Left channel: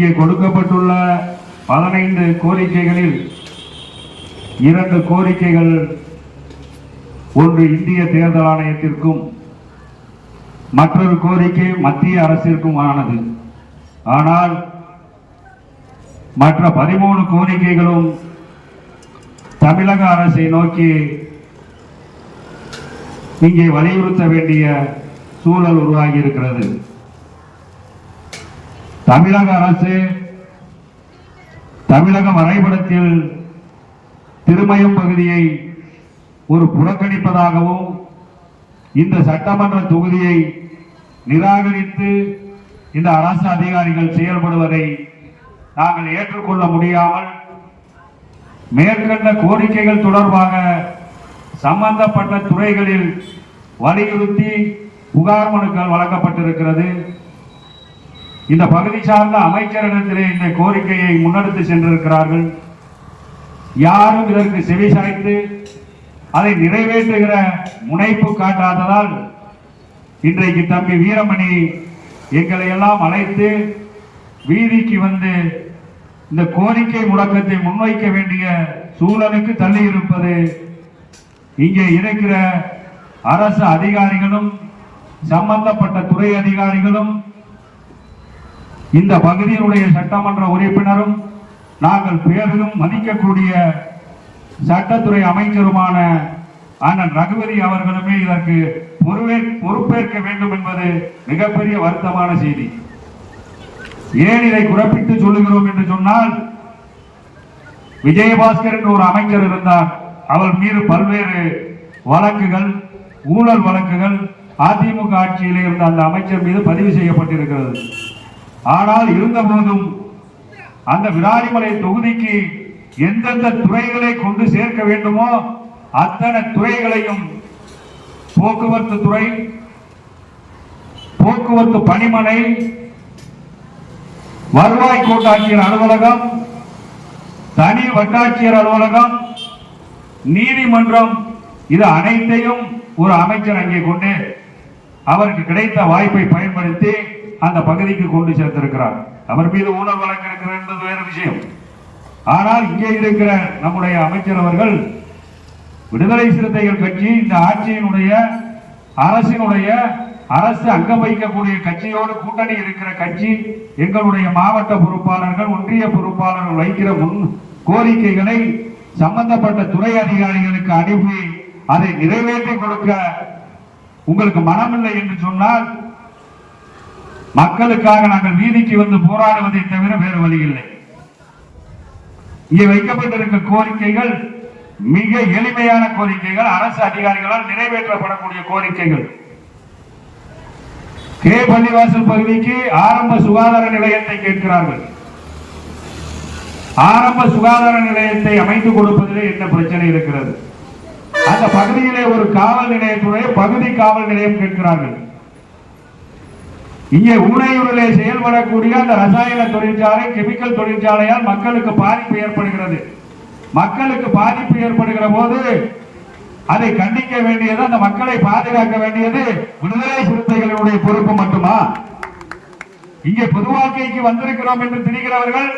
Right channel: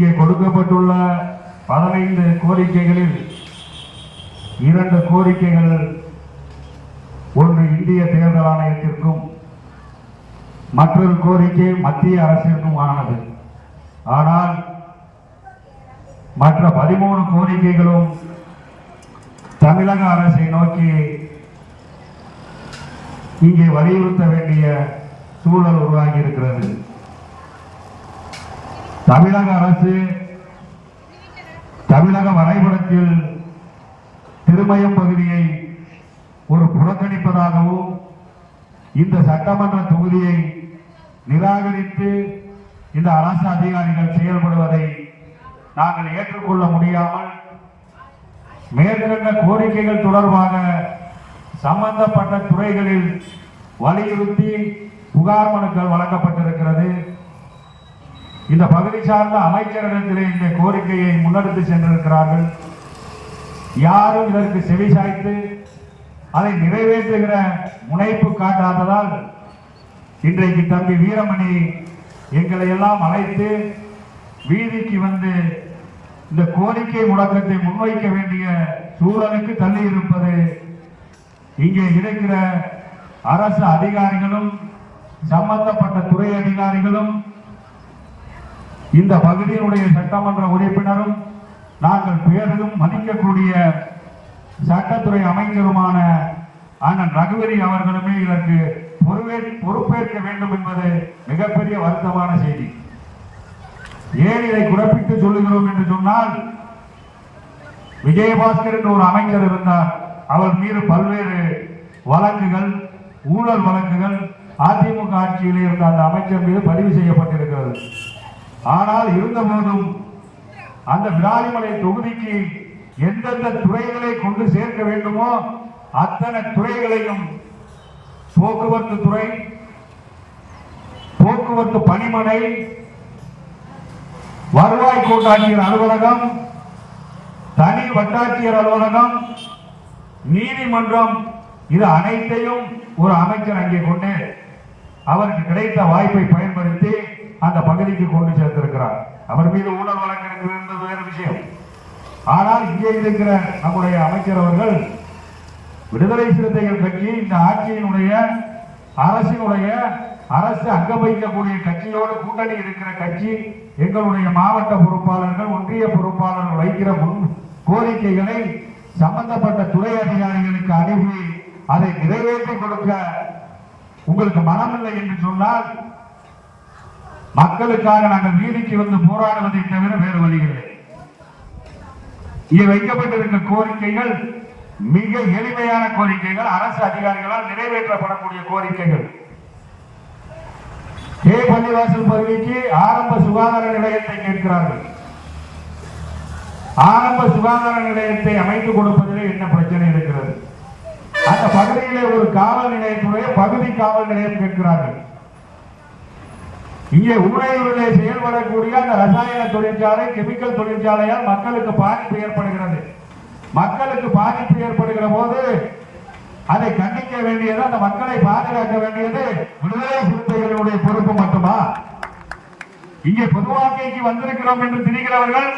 இங்கே கொடுக்கப்பட்டுள்ள பதினைந்து கோரிக்கைகளில் இரண்டு கோரிக்கைகள் ஒன்று இந்திய தேர்தல் ஆணையத்திற்கும் மற்றொரு கோரிக்கை மத்திய அரசிற்கும் ஆனது. ஆனால் மற்ற பதிமூணு கோரிக்கைகளும் தமிழக அரசை நோக்கி இங்கே வலியுறுத்த வேண்டிய சூழல் உருவாகி இருக்கிறது. தமிழக அரசு தமிழக வரைபடத்தில் திருமயம் பகுதியை ஒரு புறக்கணிப்பதாகவும் இந்த சட்டமன்ற தொகுதியை நிராகரித்து இந்த அரசு அதிகாரிகள் செயல்படுவதை நாங்கள் ஏற்றுக்கொள்ள முடியாமல் மேற்கண்ட கோரிக்கைகள் தொடர்பாக சம்பந்தப்பட்ட துறைகளில் வலியுறுத்தி புகார் மனுக்கள் வழங்கப்பட்டிருக்கிறது. இந்த பகுதி சார்ந்த அமைச்சரிடத்திலே இந்த கோரிக்கையை முன்னெடுத்து சென்றிருக்கிறார்கள். யாரும் இதற்கு செவி சாய்த்து அதை நிறைவேற்றுகிற முனைப்பு காட்டாததால் இன்றைக்கு தம்பி வீரமணி எங்களை எல்லாம் அழைத்து வீதிக்கு வந்து இந்த கோரிக்கை முழக்கத்தை முன்வைக்க வேண்டிய சூழலுக்கு தள்ளி இருப்பது இங்கே இருக்கிற அரசு அதிகாரிகளும் சம்பந்தப்பட்ட துறை அதிகாரிகளும் இந்த பகுதியினுடைய சட்டமன்ற உறுப்பினரும் நாங்கள் பேரிலும் மதிக்கக்கூடிய சட்டத்துறை அமைச்சருமான அண்ணன் ரகுபதி அவர்களுமே இதற்கு பொறுவே பொறுப்பேற்க வேண்டும் என்பது மிகப்பெரிய வருத்தமான செய்தி. ஏன் இதை குறிப்பிட்டு சொல்லுகிறோம் என்று சொன்னால் விஜயபாஸ்கர் என்று ஒரு அமைச்சர் இருந்தார். அவர் மீது பல்வேறு வழக்குகள் ஊழல் வழக்குகள் அதிமுக ஆட்சியில் இருந்த அந்த அமைச்சர் மீது பதிவு செய்யப்பட்டிருக்கிறது. ஆனால் இருந்த போதும் அந்த விராலிமலை தொகுதிக்கு எந்தெந்த துறைகளை கொண்டு சேர்க்க வேண்டுமோ அத்தனை துறைகளையும் போக்குவரத்து துறை போக்குவரத்து பணிமனை வருவாய் கோட்டாட்சியர் அலுவலகம் தனி வட்டாட்சியர் அலுவலகம் நீதிமன்றம் இது அனைத்தையும் ஒரு அமைச்சர் அங்கே கொண்டு அவருக்கு கிடைத்த வாய்ப்பை பயன்படுத்தி அந்த பகுதிக்கு கொண்டு சேர்த்திருக்கிறார். அவர் மீது ஊழல் வழக்கு இருக்கிறது என்பது வேறு விஷயம். ஆனால் இங்கே இருக்கிற நம்முடைய அமைச்சர் அவர்கள் விடுதலை சிறுத்தைகள் கட்சி இந்த ஆட்சியினுடைய அரசினுடைய அரசு அங்கம் வைக்கக்கூடிய கட்சியோடு கூட்டணி இருக்கிற கட்சி எங்களுடைய மாவட்ட பொறுப்பாளர்கள் ஒன்றிய பொறுப்பாளர்கள் வைக்கிற முன் கோரிக்கைகளை சம்பந்தப்பட்ட துறை அதிகாரிகளுக்கு அனுப்பி அதை நிறைவேற்றி கொடுக்க உங்களுக்கு மனமில்லை என்று சொன்னால் மக்களுக்காக நாங்கள் வீதிக்கு வந்து போராடுவதை தவிர வேறு வழி இல்லை இங்கே வைக்கப்பட்டிருக்க கோரிக்கைகள் மிக எளிமையான கோரிக்கைகள் அரசு அதிகாரிகளால் நிறைவேற்றப்படக்கூடிய கோரிக்கைகள். கே. பள்ளிவாசல் பகுதிக்கு ஆரம்ப சுகாதார நிலையத்தை கேட்கிறார்கள். ஆரம்ப சுகாதார நிலையத்தை அமைத்துக் கொடுப்பதிலே என்ன பிரச்சனை இருக்கிறது? அந்த பகுதியிலே ஒரு காவல் நிலையத்துடைய பகுதி காவல் நிலையம் கேட்கிறார்கள். இங்கே ஊரையூரிலே செயல்படக்கூடிய அந்த ரசாயன தொழிற்சாலை கெமிக்கல் தொழிற்சாலையால் மக்களுக்கு பாதிப்பு ஏற்படுகிறது. மக்களுக்கு பாதிப்பு ஏற்படுகிற போது அதை கண்டிக்க வேண்டியது அந்த மக்களை பாதுகாக்க வேண்டியது விடுதலை சிறுத்தைகளுடைய பொறுப்பு மட்டுமா? இங்கே பொதுவாக்கைக்கு வந்திருக்கிறோம் என்று திணிக்கிறவர்கள்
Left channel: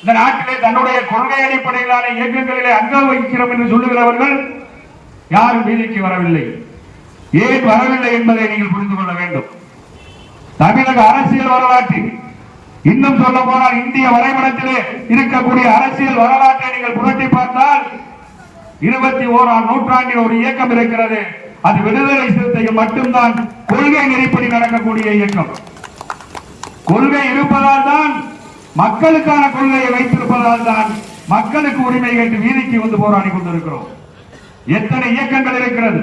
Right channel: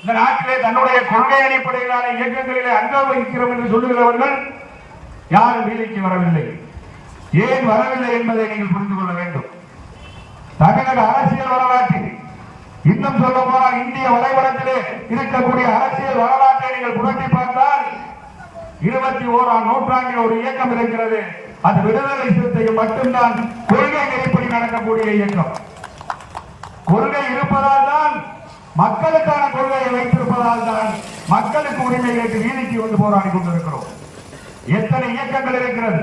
இந்த நாட்டிலே தன்னுடைய கொள்கை அடிப்படையிலான இயக்கங்களிலே அங்கம் வகிக்கிறோம் என்று சொல்லுகிறவர்கள் யாரும் வீதிக்கு வரவில்லை. ஏன் வரவில்லை என்பதை நீங்கள் புரிந்து கொள்ள வேண்டும். தமிழக அரசியல் வரலாற்றில் இன்னும் சொல்ல போனால் இந்திய வரைபடத்திலே இருக்கக்கூடிய அரசியல் வரலாற்றை நீங்கள் புரட்டி பார்த்தால் இருபத்தி ஓராம் நூற்றாண்டில் ஒரு இயக்கம் இருக்கிறது. அது விடுதலை சிறுத்தைகள் மட்டும்தான் கொள்கை நெறிப்படி நடக்கக்கூடிய இயக்கம். கொள்கை இருப்பதால் தான் மக்களுக்கான கொள்கையை வைத்திருப்பதால் தான் மக்களுக்கு உரிமை கேட்டு வீதிக்கு வந்து போராடி கொண்டிருக்கிறோம். எத்தனை இயக்கங்கள் இருக்கிறது?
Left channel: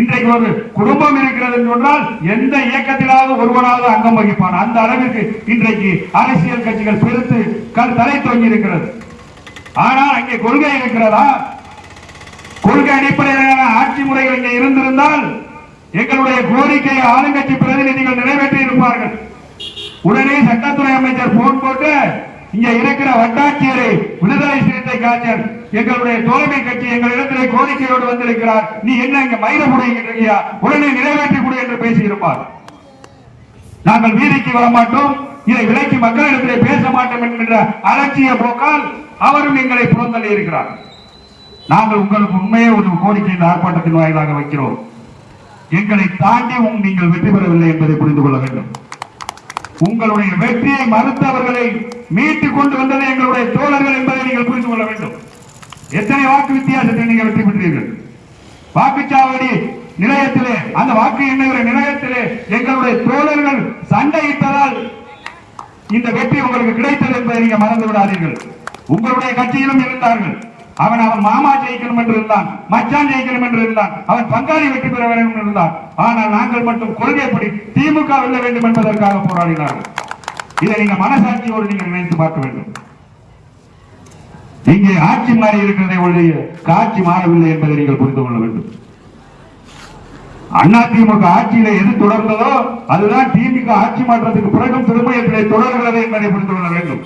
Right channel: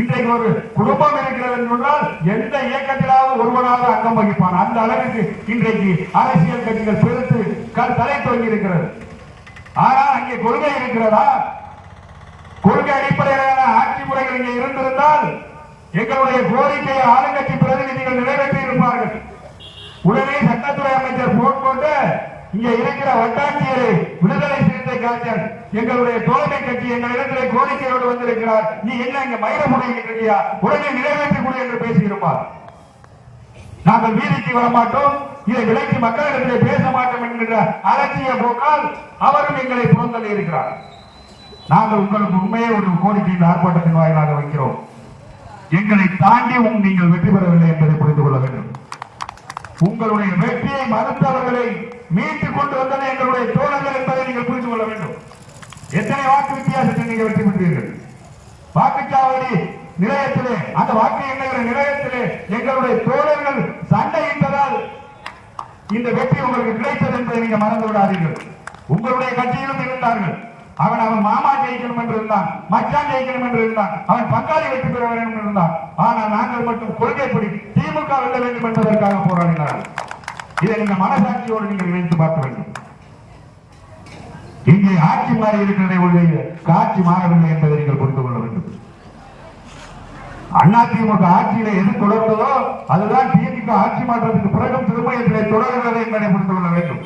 இன்றைக்கு ஒரு குடும்பம் இருக்கிறது சொன்னால் எந்த இயக்கத்திலாவது ஒருவனாவது அங்கம் வகிப்பான். அந்த அளவிற்கு இன்றைக்கு அரசியல் கட்சிகள் பெருத்து கல் தலை தொங்கி இருக்கிறது. ஆனால் அங்கே கொள்கை இருக்கிறதா? கொள்கை அடிப்படையிலான ஆட்சி முறைகள் இங்கே இருந்திருந்தால் எங்களுடைய கோரிக்கையை ஆளுங்கட்சி பிரதிநிதிகள் நிறைவேற்றி இருப்பார்கள். உடனே சட்டத்துறை அமைச்சர் போன் போட்டு இங்க இருக்கிற வட்டாட்சியரை விடுதலை சிறுத்தை காய்ச்சல் எங்களுடைய தோழமை கட்சி எங்களிடத்திலே கோரிக்கையோடு வந்திருக்கிறார். நீ என்ன இங்க மயில புடிங்கிட்டு உடனே நிறைவேற்றி கொடு என்று பேசியிருப்பார். நாங்கள் வீதிக்கு வர மாட்டோம் இதை விலைக்கு மக்களிடத்திலே பேச மாட்டோம் என்கின்ற அலட்சிய போக்கால் அவரும் எங்களை புறந்தள்ளி இருக்கிறார். நாங்கள் உங்களுக்கு உண்மையே ஒரு கோரிக்கை இந்த ஆர்ப்பாட்டத்தின் வாயிலாக வைக்கிறோம். எங்களை தாண்டி உம் நீங்கள் வெற்றி பெறவில்லை என்பதை புரிந்து கொள்ள வேண்டும். உங்களுடைய வெற்றியை மறுத்தவர்களை மீட்டுக் கொண்டு வந்தது எங்களுடைய தோழர்கள் என்பதை நீங்கள் புரிந்து கொள்ள வேண்டும். எத்தனை வாக்கு வித்தியாசத்தில் நீங்கள் வெற்றி பெற்றீர்கள்? வாக்குச்சாவடி நிலையத்திலே அந்த வாக்கு எண்ணுகிற நிலையத்திலே எங்களுடைய தோழர்கள் சண்டையிட்டதால் இந்த வெற்றி உங்களுக்கு கிடைத்தது என்பதை நீங்க மறந்து விடாதீர்கள். உங்களுடைய கட்சியிலும் இருந்தார்கள். அவன் அவன் மாமா ஜெயிக்கணும் என்று இருந்தான் மச்சான் ஜெயிக்கணும் என்று இருந்தான் அவன் பங்காளி வெற்றி பெற வேண்டும் என்று இருந்தான். ஆனால் நாங்கள் மட்டும் கொள்கைப்படி திமுக வெல்ல வேண்டும் என்பதற்காக போராடினார்கள். இதை நீங்க மனசாட்சியோடு நீங்கள் நினைத்து பார்க்க வேண்டும். இங்கே ஆட்சி மாறி இருக்கிறதை ஒழிய காட்சி மாறவில்லை என்பதை நீங்கள் புரிந்து கொள்ள வேண்டும். அதிமுக ஆட்சியில எது தொடர்ந்ததோ அதுதான் திமுக ஆட்சி மாற்றத்துக்கு பிறகும் திருமயத்திலே தொடர்கிறது என்பதை புரிந்து கொள்ள வேண்டும்.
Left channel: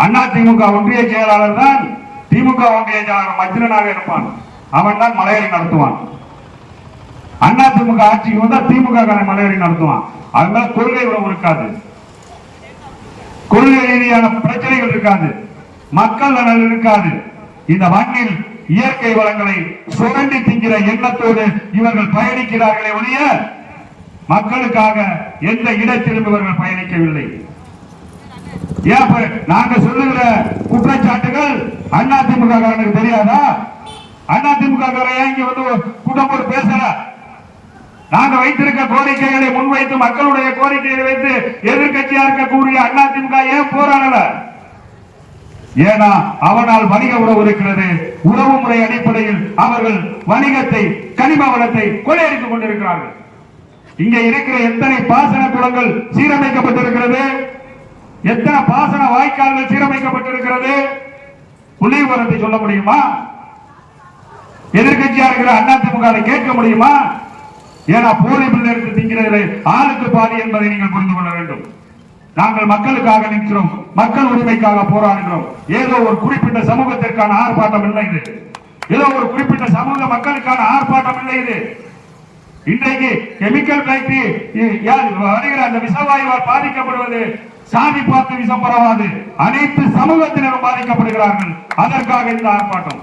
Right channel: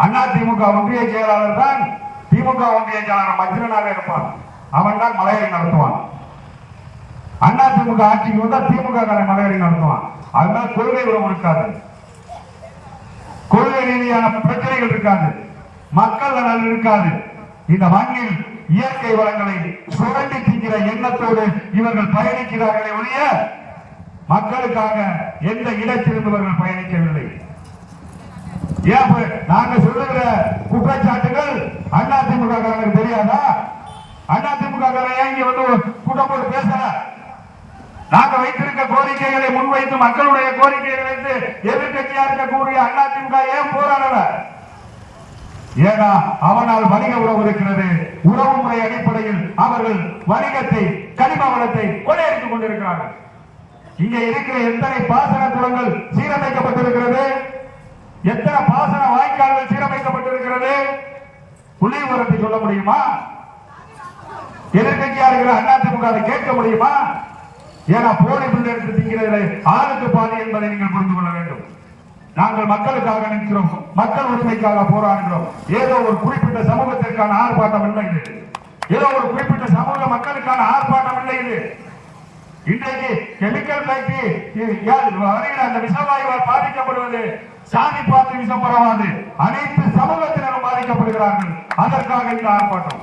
அதிமுக ஒன்றிய செயலாளர் தான் திமுக ஒன்றிய செயலாளர் மஜ்ரனாக இருப்பான். அவன் தான் மலையாளி நடத்துவான். அதிமுக ஆட்சிக்கு வந்தா திமுக காரன் மலையாளி நடத்துவான். அதனால கொள்கை உறவு இருக்காது. கொள்கை ரீதியான பிரச்சனைகள் இருக்காது. மக்கள் நலன் இருக்காது. இந்த மண்ணில் இயற்கை வளங்களை சுரண்டி திங்கிற எண்ணத்தோடு இவர்கள் பயணிக்கிறார்களே ஒழிய மக்களுக்காக எந்த இடத்திலும் இவர்கள் பயணிக்கவில்லை. ஏன் நாங்க சொல்லுகிற குற்றச்சாட்டுகள் அதிமுக காரனுக்கு தெரியாதா? அதிமுக காரன் ஏன் இங்க வந்து கூட்டம் போட்டு பேசல? நாங்க வைத்திருக்க கோரிக்கைகளை முன்வைத்து மக்களுடைய கோரிக்கைகளை வைத்து எதிர்கட்சியா இருக்கக்கூடிய அதிமுக ஏன் போராடல? ஏன்னா அவனால் வணிக உறவு இருக்கிறது. உறவு முறை அடிப்படையில் அவர்கள் வணிகத்தை கனிம வளத்தை கொள்ளையடித்துக் கொண்டிருக்கிறார்கள். இங்கே இருக்கிற எத்தனை பாசன குளங்கள் சீரமைக்கப்பட்டிருக்கிறது? எத்தனை பாசன வாய்க்கால்கள் சீரமைக்கப்பட்டிருக்கிறது? புள்ளி சொல்ல முடியுமா? எதிர்கட்சியா இருக்கிற அதிமுக கேட்க முடியுமா? ஏன்னா போலி பிள்ளை எடுத்து திங்கிறது ஆளுக்கு பாதி என்பதை நீங்கள் புரிந்து கொள்ள வேண்டும். நாங்கள் மக்களுக்காக நிற்கிறோம். மக்கள் உரிமைக்காக போராடுகிறோம். ஏதோ ஒரு குறிப்பிட்ட சமூகத்திற்கான ஆர்ப்பாட்டம் இல்லை இது. ஏதோ ஒரு குறிப்பிட்ட சமூக மக்களுக்கான ஆர்ப்பாட்டம் இல்லை இது. இன்றைக்கு கெமிக்கல் ஃபேக்டரி வருகிற அந்த விஷவாயுவால் பாதிக்கப்படுவது சாதி பார்த்து விஷம் பரவாது. அனைத்து சமூகத்தினரும் பாதிக்கப்படுகிறார்கள். அதற்காக இந்த ஆர்ப்பாட்டம்.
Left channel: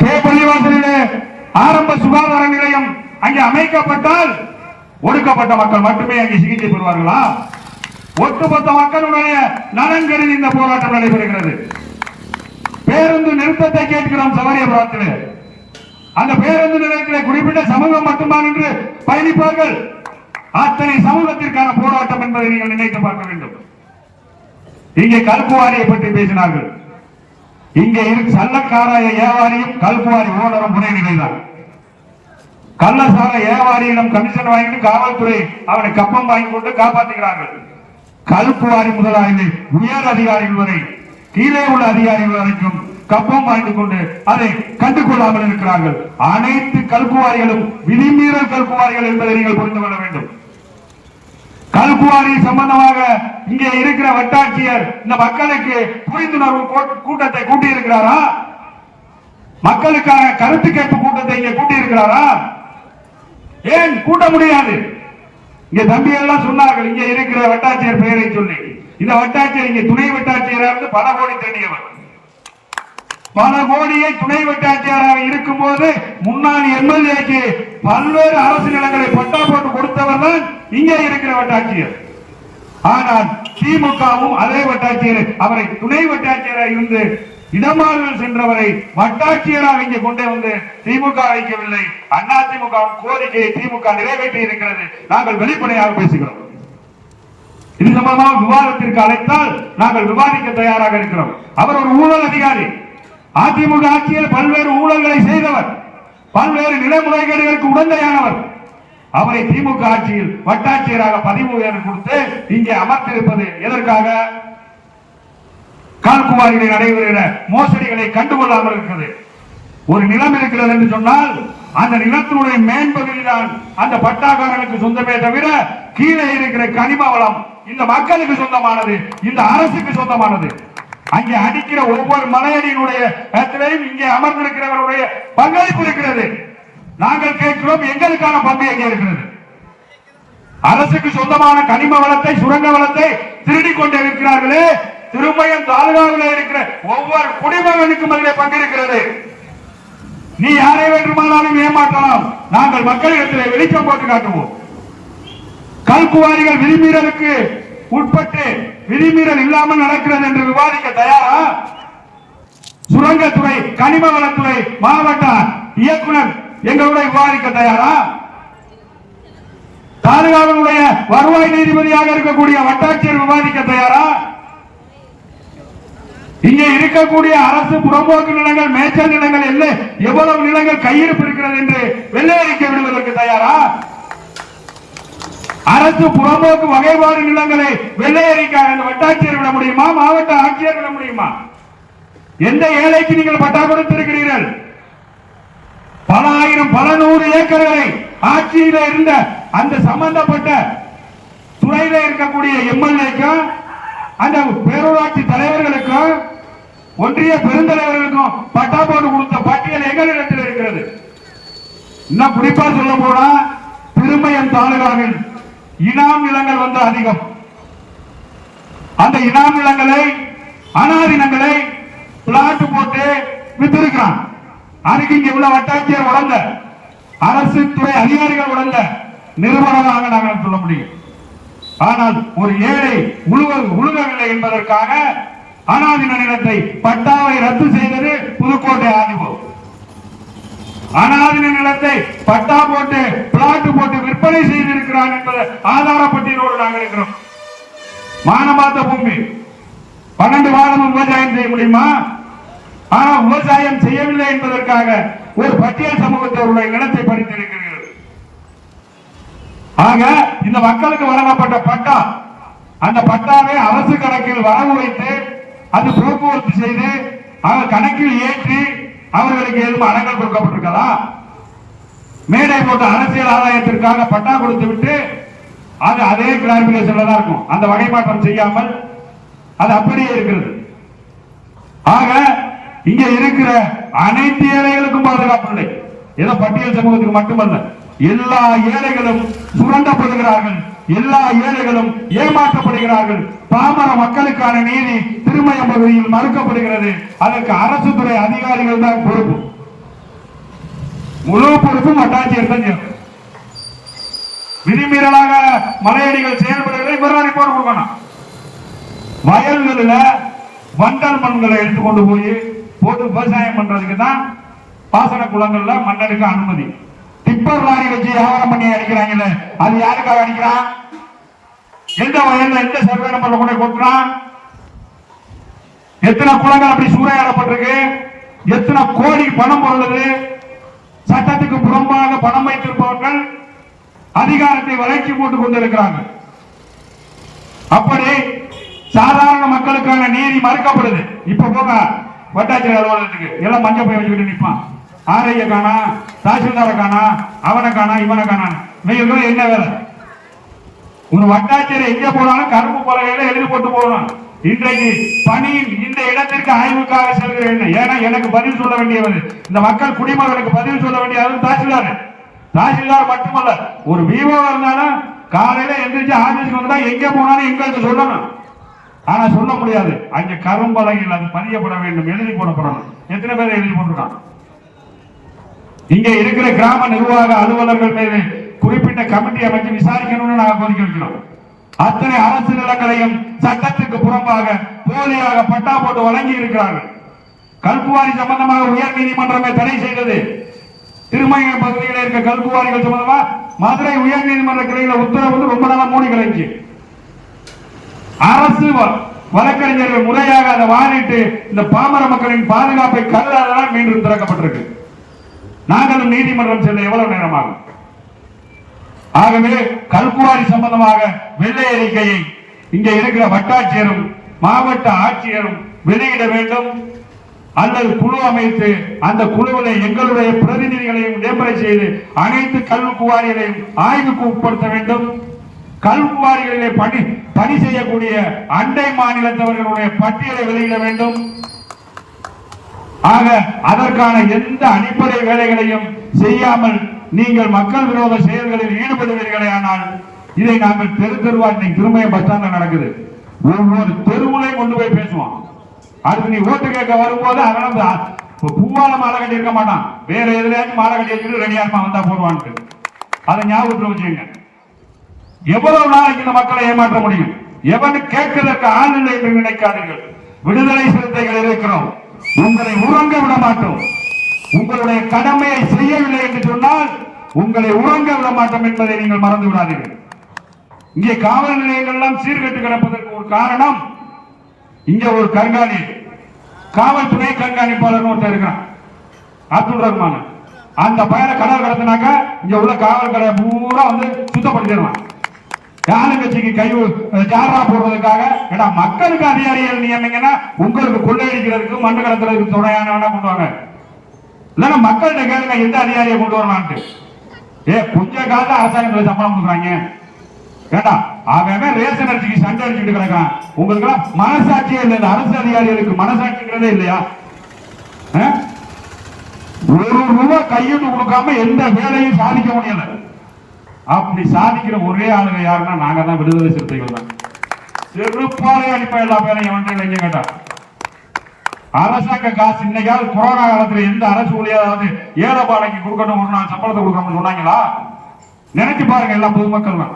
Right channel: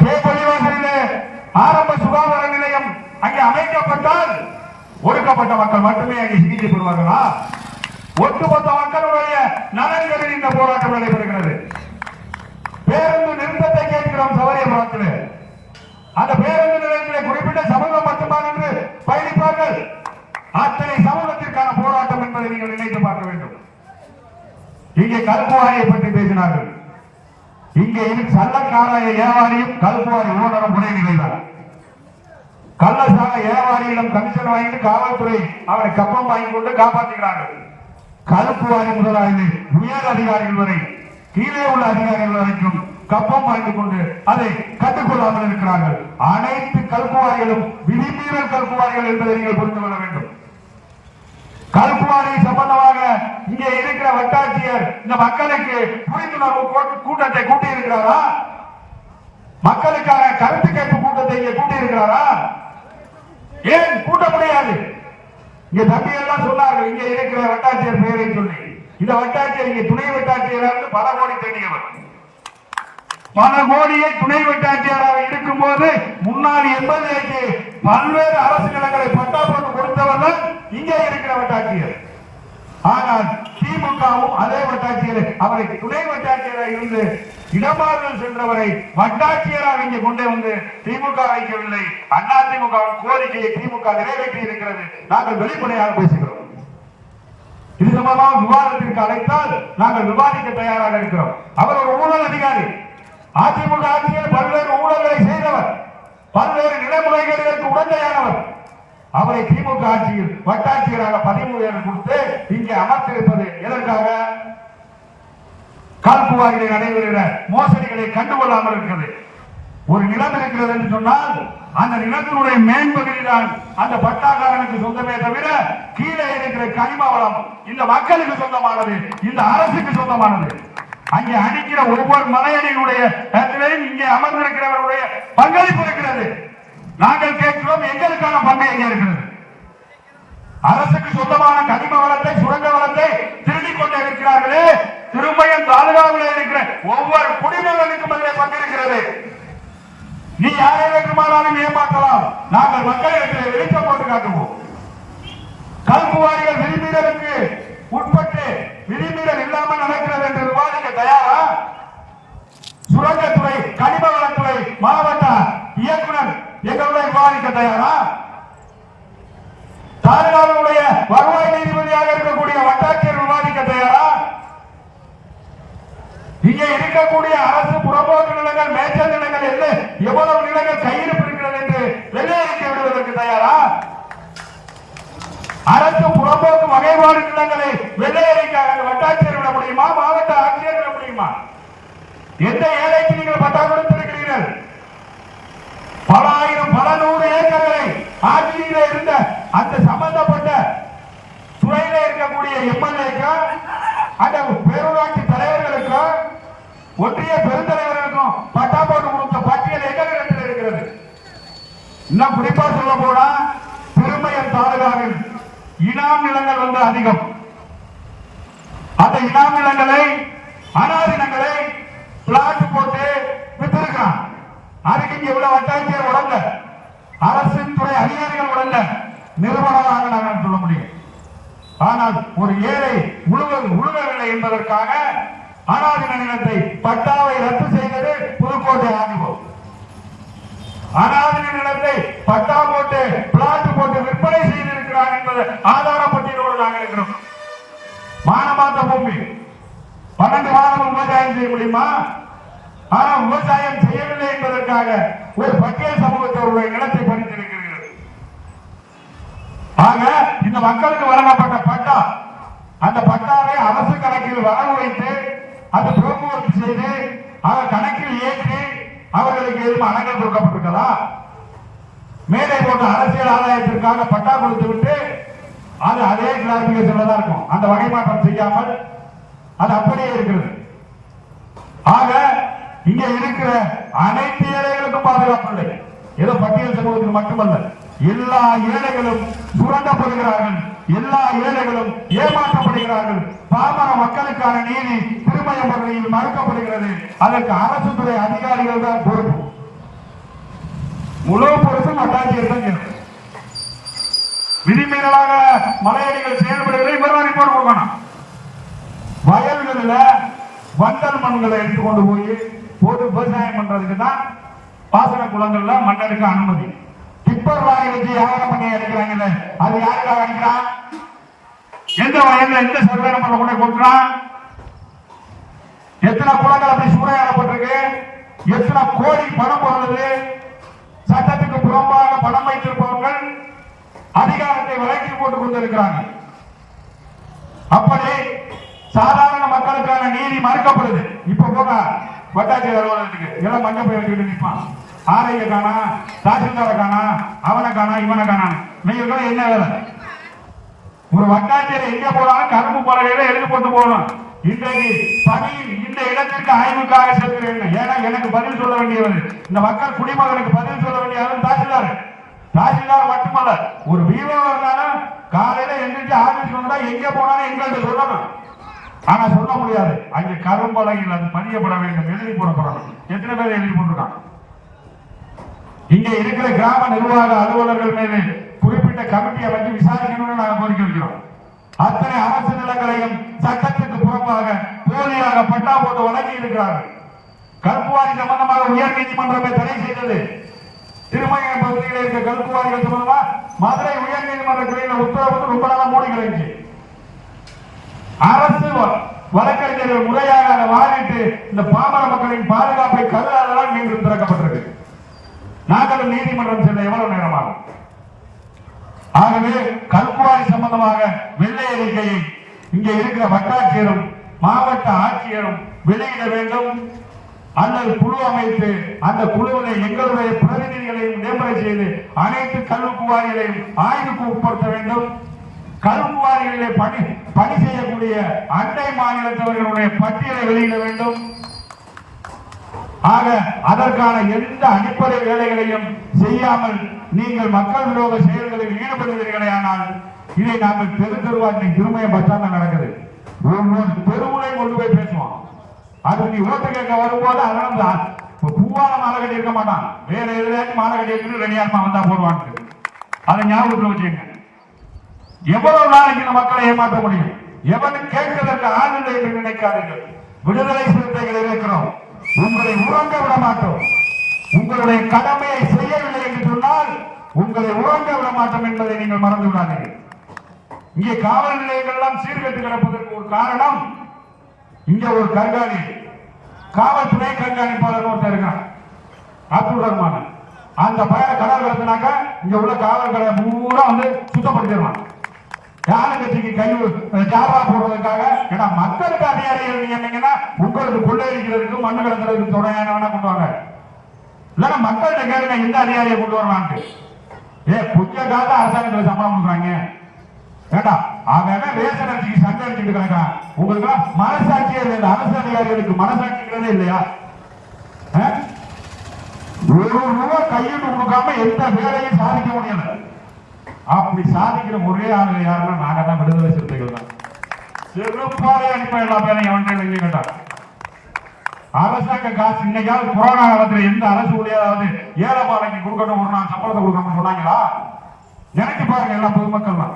கே பள்ளிவாசலிலே ஆரம்ப சுகாதார நிலையம் அங்கே அமைக்கப்பட்டால் ஒடுக்கப்பட்ட மக்கள் மட்டுமே அங்கே சிகிச்சை பெறுவார்களா? ஒட்டுமொத்த மக்களுடைய நலன் கருதி இந்த போராட்டம் நடைபெறுகிறது. பேருந்து நிறுத்தத்தை கேட்கிறோம் சவரியபுரத்தில் அந்த பேருந்து நிலையத்தில் குறிப்பிட்ட சமூகம் மட்டும்தான் என்று பயணிப்பார்கள். அத்தனை சமூகத்திற்கான போராட்டம் என்பதை நீங்கள் நினைத்து பார்க்க வேண்டும். இங்கே கல்குவாரியை பற்றி பேசினார்கள். இங்கே இருக்கு சல்லக்காராய வியாபாரியும் கல்குவாரி ஓனரும் ஒரே நிலைதான். கள்ளசார ஏவாரியிடம் கமிஷன் வாங்கிட்டு காவல்துறை அவனை கப்பம் வாங்கி கொண்டு காப்பாற்றுகிறார்கள் கல்குவாரி முதலாளி உயர் அதிகாரிகள் வரை கீழே உள்ள அதிகாரிகள் வரைக்கும் கப்பம் வாங்கி கொண்டு அதை கண்டுகொள்ளாமல் இருக்கிறார்கள். அனைத்து கல்புவாரிகளும் விதிமீறல் கல்புவாரிகள் என்பதை நீங்கள் புரிந்து கொள்ள வேண்டும். கல்குவாரி சம்பந்தமாக இங்கே இருக்கிற வட்டாட்சியர் இந்த மக்களுக்கு புரிந்துணர்வு கூட்டத்தை கூட்டி இருக்கிறாரா மக்களுக்கான கருத்து கேட்பு கூட்டத்தை இங்கே கூட்டி இருக்கிறாரா ஏன் கூட்ட முடியாது? இங்க தம்பி எல்லாம் சொன்னார்கள் இங்க இருக்கிற வட்டாட்சியர் பெயரை சொல்லி. இந்த வட்டாட்சியர் இங்க துணை வட்டாட்சியராக பல கோடி தேடியவர். பல கோடியை துணை வட்டாட்சியராக இருக்கும்போது முன்னாள் எம்எல்ஏக்கு பல்வேறு அரசு நிலங்களை பட்டா போட்டு கொடுத்தவர் தான் இங்கே இருக்கிற வட்டாட்சியர். ஆனால் திமுகவும் அதே வட்டாட்சியர் அவரை துணை வட்டாட்சியராக இருந்து இடமாறுதல் சென்றவரை வட்டாட்சியராக இங்கே கொண்டு வந்து திமுக வைக்கவில்லை அண்ணா திமுக கோரிக்கையை திமுக நிறைவேற்றி இருக்கிறது நாங்கள் வெளிப்படையாக பேசுகிறோம். இது சம்பந்தமாக விவாதத்திற்கு அழைத்தால் நாங்கள் விவாதிக்க தயாராக இருக்கிறோம். அவர் ஒரு ஊழல் அதிகாரி. அதிமுக ஆட்சியில் பல்வேறு ஊழல்களை செய்தவர். பல்வேறு நில உடந்தையானவர். அவரை திமுக ஆட்சியில் வட்டாட்சியராக பதிவு உயர்வு கொடுத்து இங்கே அமர்த்திருப்பது எதற்காக? கால்குவாரிகளை நடைபெறுகிற மோசடிகளை கண்டுகொள்ளாமல் இருக்கிறது. ஒரு நிலம் இருக்கிறது என்று சொன்னால் அந்த நிலத்தினுடைய மேன்பகுதி தான் அந்த பட்டாக்காரனுக்கு சொந்தமே தவிர கீழே இருக்கிற கனிம வளம் இந்த மக்களுக்கு சொந்தமானது இந்த அரசுக்கு சொந்தமானது. அங்கே அடிக்கிற ஒவ்வொரு மலையடியினுடைய இடத்திலேயும் இங்கே அமர்ந்திருக்கிறவருடைய பங்களிப்பு இருக்கிறது. நாங்கள் கேட்கிறோம் எங்களுக்கான பங்கு எங்கே இருக்கிறது? அரசுக்கு சொந்தமான கனிம வளத்தை சுரங்க வளத்தை திருடி கொண்டு இருக்கிறார்களே திருமயம் தாலுகாவில் இருக்கிற ஒவ்வொரு குடிமகனுக்கும் அதிலே பங்கிருக்கிறது நீ யாரை வேண்டுமானாலும் ஏமாற்றலாம். நாங்கள் மக்களிடத்தில் வெளிச்சம் போட்டு காட்டுவோம். கல்குவாரிகள் விதிமீறலுக்கு உட்பட்டு விதிமீறல் இல்லாமல் நடக்கிறது என்று விவாதிக்க தயாரா? சுரங்கத்துறை கனிம வளத்துறை மாவட்ட இயக்குனர் எங்களுடைய விவாதிக்க தயாரா? தாலுகாவினுடைய வருவாய் நீதிபதியாக இருக்கக்கூடிய வட்டாட்சியர் விவாதிக்க தயாரா? இங்கே இருக்கக்கூடிய அரசு புறம்போக்கு நிலங்கள் மேய்ச்சல் நிலங்கள் இல்லை எவ்வளவு நிலங்கள் கையிருப்பு இருக்கிறது என்று வெள்ளையடிக்க விடுவதற்கு தயாரா? அரசு புறம்போக்கு வகைப்பாடு நிலங்களை வெள்ளையறிக்காக இந்த வட்டாட்சியர் விட முடியுமா? மாவட்ட ஆட்சியர் விட முடியுமா? எந்த ஏழைக்கு நீங்கள் பட்டா கொடுத்திருக்கிறீர்கள்? பல ஆயிரம் பல நூறு ஏக்கர்களை ஆட்சியில இருந்த அந்த சம்பந்தப்பட்ட துறையில இருக்கக்கூடிய எம்எல்ஏக்கும் அந்த பேரூராட்சி தலைவர்களுக்கும் ஒன்றிய பெருந்தலைவர்களுக்கும் பட்டா போட்டு கொடுத்த பட்டியல் எங்களிடத்தில் இருக்கிறது. இன்னும் குறிப்பா சொல்ல போனா திருமயம் தாலுகாவில் இனாம் நிலங்கள் வந்து அதிகம். அந்த இனாம் நிலங்களை அனாதினங்களை பிளாட் போட்டு வித்திருக்கிறான். அதுக்கு இங்க உள்ள வட்டாட்சியர் உடந்த அரசு துறை அதிகாரிகள் வளர்ந்த நிறுவனமாக நாங்கள் சொல்ல முடியும். ஆனால் ஒரு ஏழை முழுவ முழுகவில்லை என்பதற்காக அனாதின நிலத்தை பட்டாவை ரத்து செய்தது புதுக்கோட்டை ஆதிபம் அனாதின நிலத்தை பட்டா போட்டு பிளாட் போட்டு விற்பனை செய்திருக்கிறான் என்பது ஆதாரப்பட்டியலோடு நாங்கள் இருக்கிறோம். மானமாத்த பூமி. பன்னெண்டு மாதம் விவசாயம் செய்ய முடியுமா? ஆனா விவசாயம் செய்யவில்லை என்பதற்காக ஒரு பட்டியல் சமூகத்தவருடைய நிலத்தை படித்திருக்கிறீர்கள் ஆக இந்த மக்களுக்கு வழங்கப்பட்ட பட்டா அந்த பட்டாவை அரசு கணக்கில் வரவு வைத்து அது போக்குவரத்து செய்து அவர் கணக்கில் ஏற்றி அவர்களுக்கு எதுவும் அடங்கல் கொடுக்கப்பட்டிருக்கதா? மேடை போட்ட அரசியல் ஆதாயத்திற்காக பட்டா கொடுத்து விட்டு அது அதே கிளாரிபிகேஷன்ல தான் இருக்கும். அந்த வகைமாற்றம் செய்யாமல் அது அப்படியே இருக்கிறது. ஆக இங்க இருக்கிற அனைத்து ஏழைகளுக்கும் பாதுகாப்பு இல்லை. ஏதோ பட்டியல் சமூகத்துக்கு மட்டுமல்ல எல்லா ஏழைகளும் சுரண்டப்படுகிறார்கள். எல்லா ஏழைகளும் ஏமாற்றப்படுகிறார்கள். பாமர மக்களுக்கான நீதி திருமய பகுதியில் மறுக்கப்படுகிறது. அதற்கு அரசு துறை அதிகாரிகள் தான் பொறுப்பு. முழு பொறுப்பும் வட்டாட்சியர் தான் விதிமீறலாக மலையடிகள் செயல்படுகிறதை இவரெல்லாம் ரிப்போர்ட் கொடுக்கணும். வயல்களில் வண்டல் மண்களை எடுத்துக்கொண்டு போய் போட்டு விவசாயம் பண்றதுக்கு தான் பாசன குளங்கள்ல மண்ணெடுக்க அனுமதி. டிப்பர் லாரி வச்சு வியாபாரம் பண்ணி அடிக்கிறாங்களே அது யாருக்காக அடிக்கிறான்? எந்த வயல்ல எந்த சர்வே நம்பர்ல கொண்டு கொடுக்குறான் எத்தனை குளங்கள் அப்படி சூறையாடப்பட்டிருக்கு? எத்தனை கோடி பணம் பொருளுது சட்டத்துக்கு புறம்பாக பணம் வைத்திருப்பவர்கள் அதிகாரத்தை வளர்ச்சி போட்டுக் கொண்டிருக்கிறாங்க. அப்படி சாதாரண மக்களுக்கான நீதி மறுக்கப்படுது. இப்ப போங்க வட்டாட்சியர் அலுவலகத்துக்கு. எல்லாம் மஞ்சள் போய் வச்சுக்கிட்டு நிப்பான் ஆரைய காணா தாசில்தார காணா அவனை காணா இவனை காணா. நீங்க என்ன வேலை? ஒரு வட்டாட்சியர் எங்க போனாலும் கருப்பு பலகையில எழுதி போட்டு போகணும் இன்றைக்கு பணியில் இந்த இடத்திற்கு ஆய்வுக்காக செல்கிறேன். ஏன்னா எனக்கு பதில் சொல்ல வேண்டியவர் இந்த மக்கள் குடிமகனுக்கு பதில் சொல்ல வேண்டியவர் தாசில்தார். தாசில்தார் மட்டுமல்ல ஒரு விவோ இருந்தாலும் காலையில எந்திரிச்சு ஆபீஸ்க்கு வந்தா எங்க போனாலும் எங்கள்கிட்ட சொல்லணும். ஆனா சொல்ல முடியாது. அங்க கரும்பலகையில் அது பதியப்பட வேண்டும் எழுதி போடப்படணும். எத்தனை பேர் எழுதி போட்டுருக்கான் இங்க இருக்கிற கிராம நிர்வாக அலுவலர்கள் மீது குறிப்பிட்ட கமிட்டி அமைச்சு விசாரிக்கணும்னு நாங்க கோரிக்கை வைக்கிறோம். அத்தனை அரசு நிலங்களையும் சட்டத்துக்கு புறம்பாக போலியாக பட்டா போட்டு வழங்கி இருக்கிறார்கள். கல்குவாரி சம்பந்தமாக உயர் நீதிமன்றமே தடை செய்தது. திருமயம் பகுதியில் இருக்க கல்குவாரிகள் சம்பந்தமா மதுரை உயர் நீதிமன்ற கிளையில உத்தரவு ரொம்ப நாளா மூடி கிடைச்சு அரசு வ- வழக்கறிஞர்கள் முறையாக அதை வாரிட்டு இந்த பாமர மக்களின் பாதுகாப்பை கருதாதனால் மீண்டும் திறக்கப்பட்டிருக்கு. நாங்களும் நீதிமன்றம் செல்ல எவ்வளவு நேரமாகும்? ஆகவே கல்குவாரி சம்பந்தமாக வெள்ளை அறிக்கையை இங்கே இருக்கிற வட்டாட்சியரும் மாவட்ட ஆட்சியரும் வெளியிட வேண்டும். அல்லது குழு அமைத்து அந்த குழுவில் எங்களுடைய பிரதிநிதிகளையும் நியமனை செய்து அனைத்து கல்குவாரிகளையும் ஆய்வுக்கு உட்படுத்த வேண்டும். கல்குவாரிகளிலே பணி பணி செய்யக்கூடிய அண்டை மாநிலத்தவர்களுடைய பட்டியலை வெளியிட வேண்டும். ஆக அதற்கான எந்த அடிப்படை வேலைகளையும் செய்யாமல் நீங்கள் மக்கள் விரோத செயல்களில் ஈடுபடுவீர்களே ஆனால் இதை நாங்கள் தெரு தெருவா இன்னைக்கு திருமயம் பஸ் ஸ்டாண்ட்ல நடக்குது. ஒவ்வொரு தெருவுலையும் கொண்டு போய் பேசுவோம். அதுக்கு நீ ஓட்டு கேட்க வரும்போது அதனால இப்ப பூவால மாலை கட்டி இருக்க மாட்டான். வேற எதுலயாச்சும் மாலை கட்டி இருக்கு ரெடியாரமா வந்தா போடுவான்ட்டு. அதை ஞாபகத்தில் வச்சுங்க எவ்வளவு நாளைக்கு இந்த மக்களை ஏமாற்ற முடியும்? எவன் கேட்கிறதுக்கு ஆள் இல்லை என்று நினைக்காதீர்கள். விடுதலை சிறுத்தைகள் இருக்கிறோம். உங்களை உறங்க விட மாட்டோம். உங்களுடைய கடமையை செய்யவில்லை என்று சொன்னால் உங்களை உறங்க விட மாட்டோம் என்பதை நீங்கள் மறந்து விடாதீர்கள். இங்கே காவல் நிலையங்கள் எல்லாம் சீர்கெட்டு கிடப்பதற்கு ஒரு காரணம் இங்க ஒரு கண்காணி காவல்துறை கண்காணிப்பாளர் ஒருத்தர் இருக்கிறான் அப்துல் ரஹ்மான். அந்த பையனை கடல் கடத்தினாக்க இங்க உள்ள காவல் கடை பூரா வந்து சுத்தப்படுத்திடுவான். யானைக்கட்சிக்கு கை ஜாரா போடுவதற்காக ஏடா மக்களுக்கு அதிகாரிகள் நியமிங்கன்னா உங்களுக்கு கொள்ளையடிக்கிறதுக்கு மண்ணு கடத்துறதுக்கு துணையானவனா பண்ணுவாங்க இல்லைன்னா மக்கள்கிட்ட கேளுங்க எந்த அதிகாரியை கொண்டு வரலான்ட்டு. ஏ கொஞ்ச காலத்துல அரசாங்கத்துல சம்பளம் கொடுக்குறாங்க. ஏண்டா அவன் ரேஷன் அரிசிக்கு சண்டை அடிச்சுட்டு கிடக்கான் உங்களுக்கு எல்லாம் மனசாட்சியே இல்லை அரசு அதிகாரிகளுக்கு மனசாட்சிங்கிறதே இல்லையா? ஆ? ஒரு ரூபா கையிட்டு கொடுக்காம எந்த வேலையும் சாதிக்க முடியல. அப்படி சாதிக்கிற ஒரே ஆளுங்க யாருன்னா நாங்க தான் விடுதலை சிறுத்தைகள் தான். செருப்பாலே அடிப்பா எல்லா பேரையும் ஒன்றை இல்லைங்க கேட்டா? அரசாங்க காசு இன்னைக்காவது கொரோனா காலத்துல எந்த அரசு ஊழியாவது ஏழை பாடைக்கு கொடுக்கணும் ஒரு நாள் சம்பளத்தை கொடுக்கணும்னு சொன்னாங்களா? நினைச்சு பாருங்க எல்லா பொதுமக்கள்லாம்.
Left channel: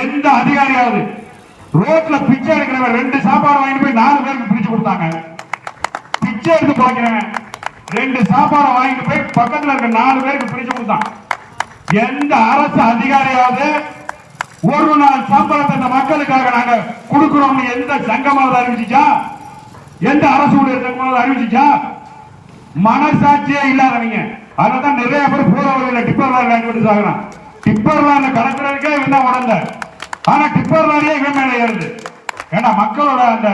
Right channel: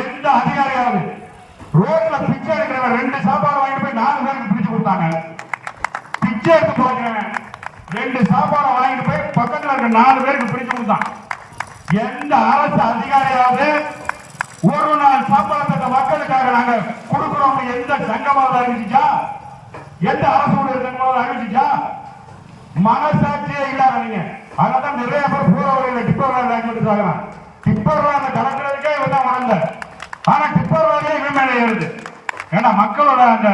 எந்த அதிகாரியாவது ரோட்ல பிச்சை எடுக்கிறவன் ரெண்டு சாப்பாடு வாங்கிட்டு போய் நாலு பேருக்கு பிரிச்சு கொடுத்தாங்க. பிச்சை எடுத்து பாக்கிறவன் ரெண்டு சாப்பாடு வாங்கிட்டு போய் பக்கத்துல இருக்க நாலு பேருக்கு பிரிச்சு கொடுத்தான். எந்த அரசு அதிகாரியாவது ஒரு நாள் சம்பளத்தை இந்த மக்களுக்காக நாங்க கொடுக்கிறோம்னு எந்த சங்கமாவது அறிவிச்சுச்சா? எந்த அரசு சங்கமாவது அறிவிச்சுச்சா? மனசாட்சியே இல்லாதவங்க அதனால நிறைய பேர் போற வழியில டிப்பர் வேலை வாங்கி விட்டு சாகலாம் டிப்பர் வேலை கலக்கிறதுக்கே இவன் தான் உடந்த. ஆனா டிப்பர் வேலையே இவன் மேலே ஏறுது. ஏன்னா மக்களோட அந்த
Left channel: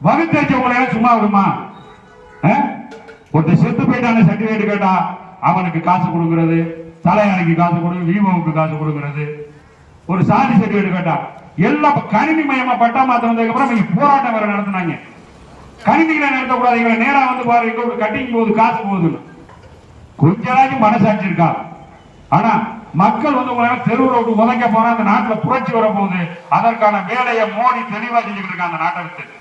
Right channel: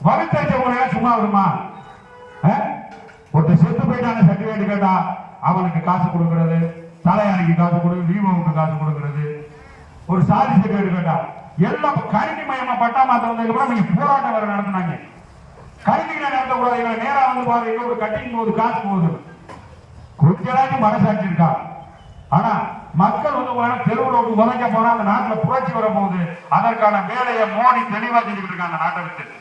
வகுத்தேச்ச முறையில சும்மா விடுமா? ஆ? ஒருத்தர் செத்து போயிட்டான சர்டிபிகேட் கேட்டா அவனுக்கு காசு கொடுக்கறது. தலையாணிக்கு காசு கொடு விவோவுக்கு காசு கொடுக்கிறது ஒரு சாதி சர்டிபிகேட் கேட்டா எல்லாம் கணினி மயமா பட்டா மாத்த வந்ததுக்கு அப்புறம் நீங்க போராட்டம் வேற நடத்தினாங்க. கணினிகளை நடத்தக்கூடாது இவன் நேரா வந்து பாரு எங்க ஒரு கட்டிங் போகுது காசு போகுது கொஞ்ச மனசாட்சி இருக்கா? ஆனா மக்கள் வந்து உங்களை தெருவில் விட்டு உதைக்க போனா அந்த நாட்டுல புரட்சி வரப்போகுது. அதற்கான வேலையை மோடி தெளிவா செஞ்சுக்கிட்டு இருக்காங்க அந்த நாட்டகத்துக்கு.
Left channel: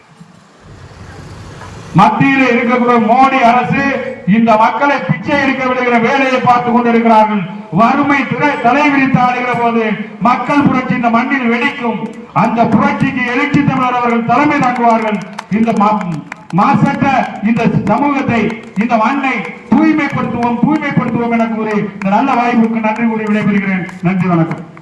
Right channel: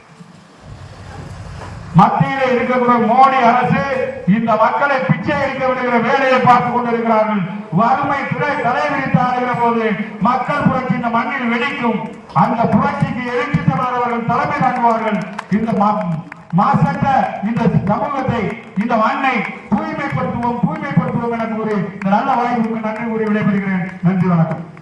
மத்தியில இருக்கக்கூடிய மோடி அரசு இந்த மக்களை பிச்சை எடுக்க விடுகிற வேலையை பார்த்து கொண்டிருக்கிறார்கள். வறுமை துறை தலை விரித்து ஆடுகிற போது மக்கள் புரட்சி இந்த மண்ணில் வெடிக்கும். அந்த புரட்சிக்கு எழுச்சி தமிழர் அவர்கள் தலைமை தாங்குவார்கள். இந்த மா- மாசற்ற இந்த சமூகத்தை இந்த மண்ணை தூய்மைப்படுத்துவோம் தூய்மைப்படுத்துவோம் என கூறி இந்த நல்ல வாய்ப்புக்கு நன்றி கூறி விடைபெறுகிறேன். நன்றி வணக்கம்.